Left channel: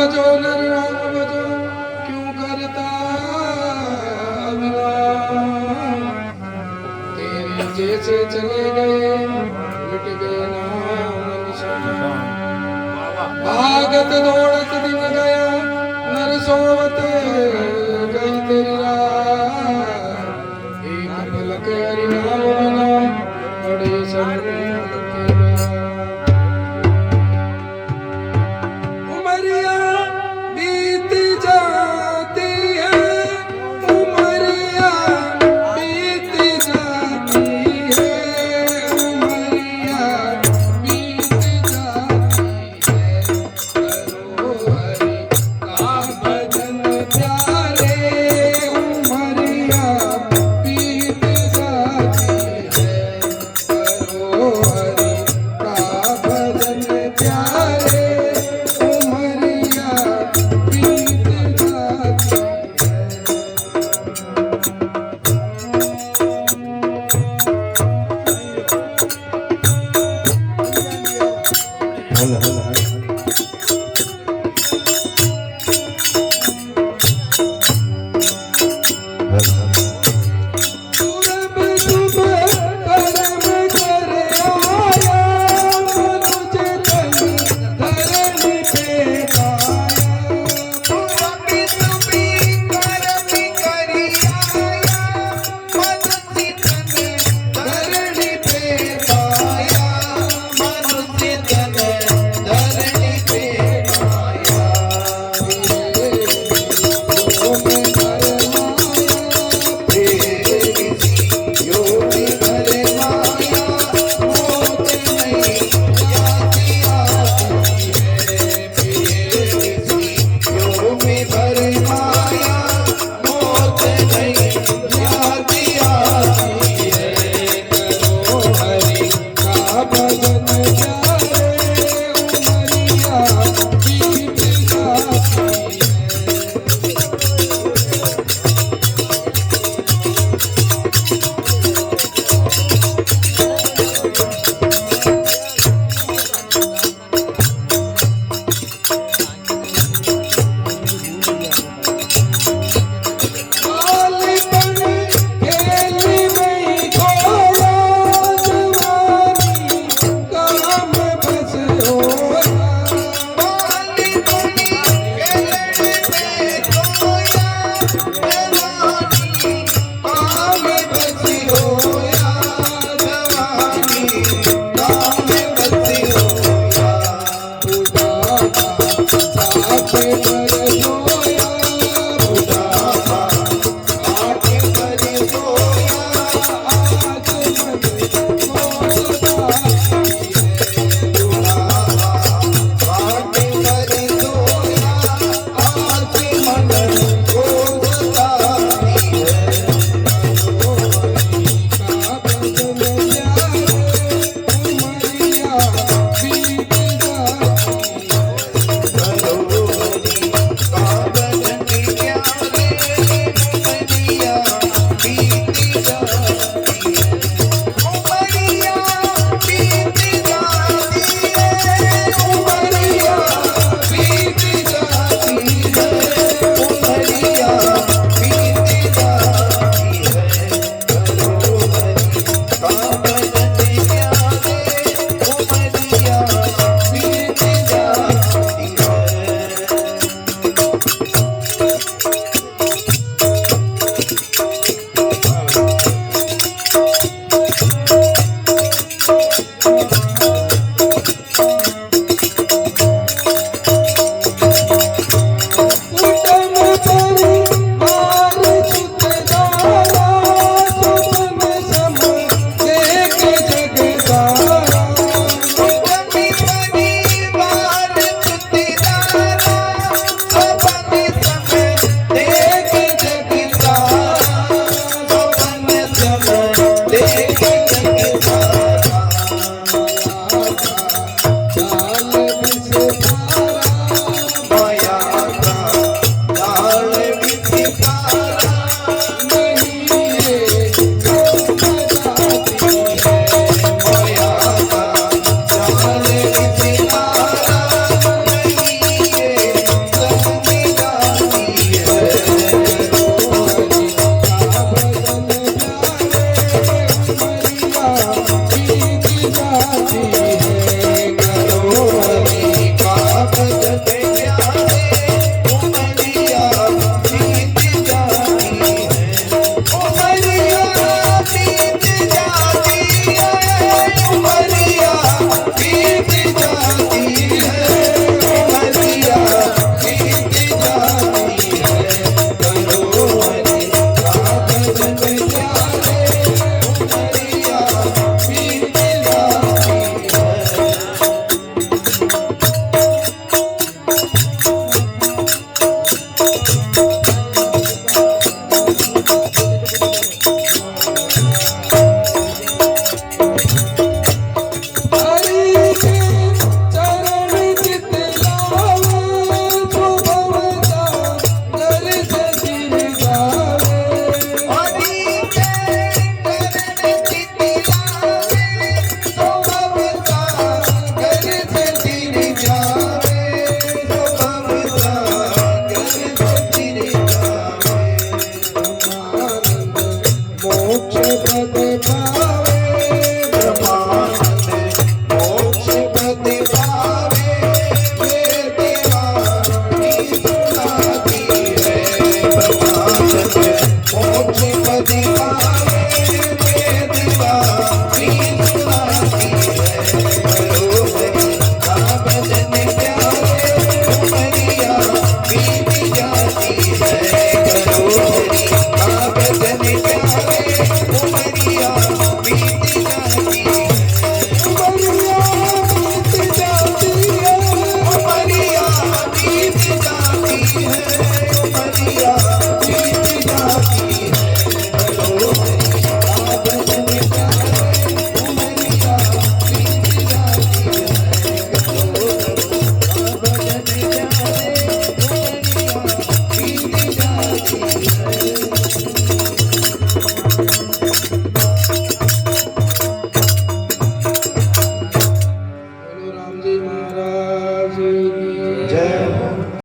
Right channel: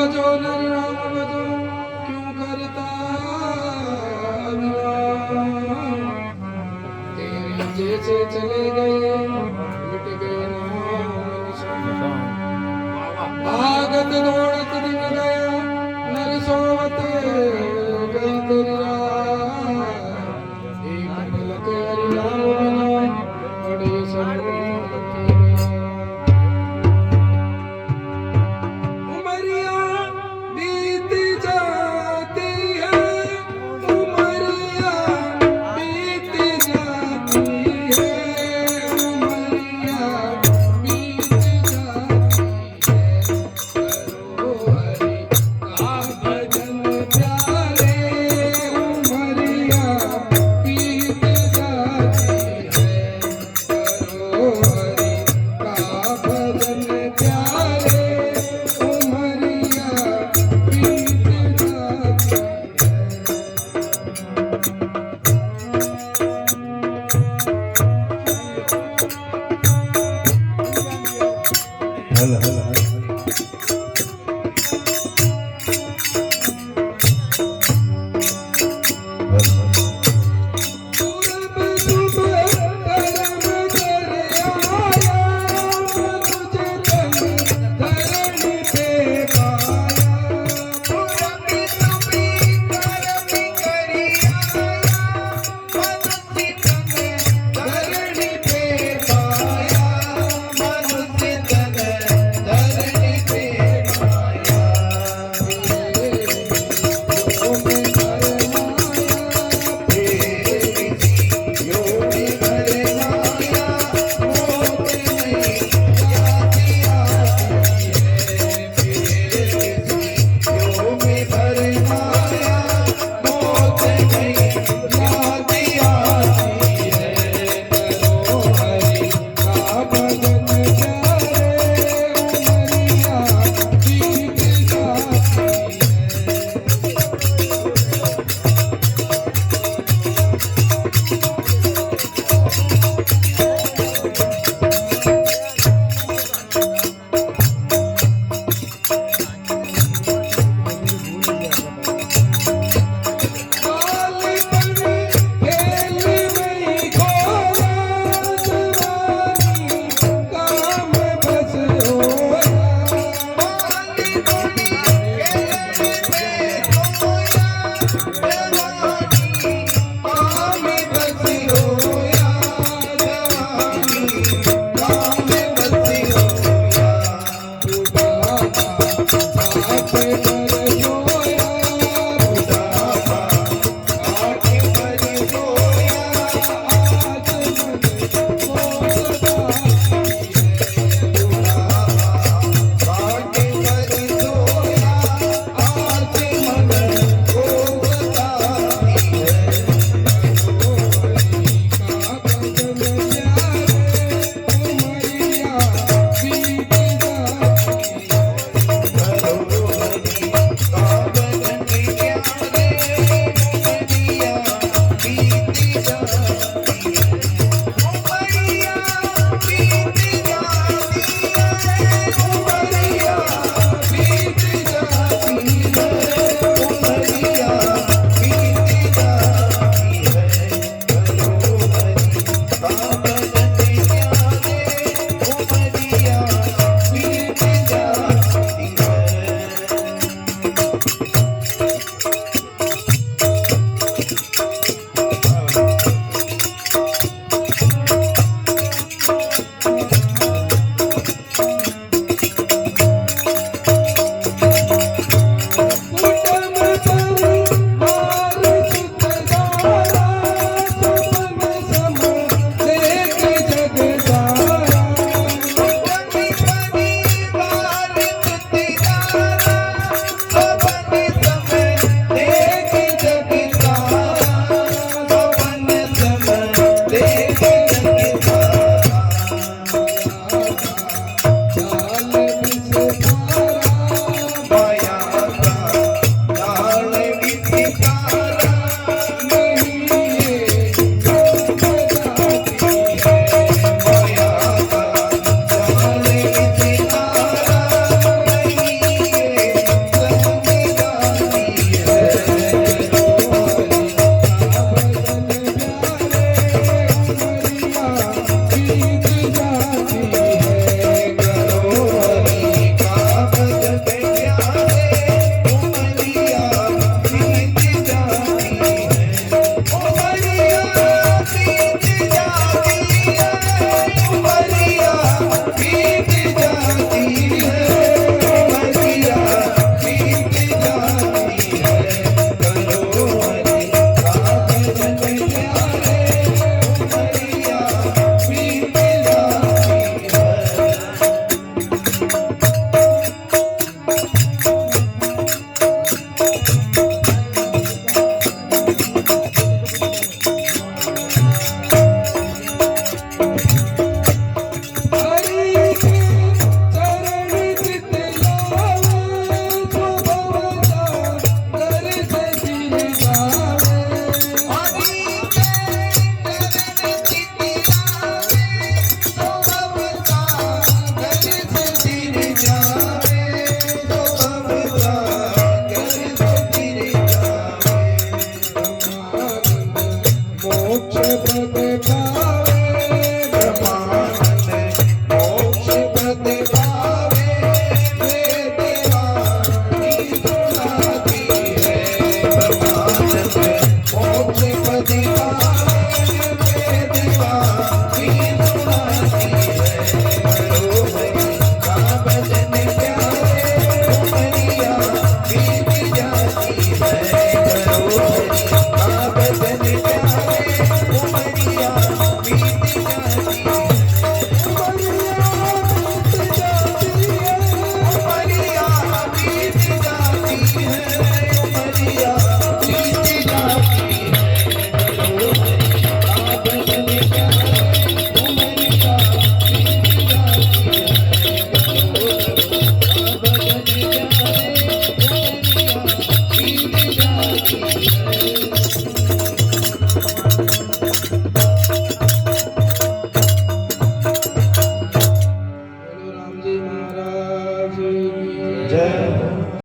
भजो नर राम भजो क्यों करता अविनाश। तेरे जैसे चले गए मिट गए नाम निशान। भागत दौड़त दिन गया नर सोवत गई तेरी रात। एक पलक हरि नाम बिना बड़े संत तेरा। उमरिया बीत जाती है, उमरिया बीत जाती है, उमरिया बीत जाती है। करो हरि का भजन प्यारे, उमरिया बीत जाती है। करो हरि का भजन प्यारे, उमरिया बीत जाती है। पूरब शुभ करम कर आया, मनुज तन धरणी पे पाया। पूरब शुभ करम कर आया, मनुज तन धरणी पे पाया, मनुज तन धरणी पे पाया। योगी भर माया, मोत नहीं जाती आती है। योगी भर माया, मोत नहीं जाती आती है। करो हरि का भजन प्यारे,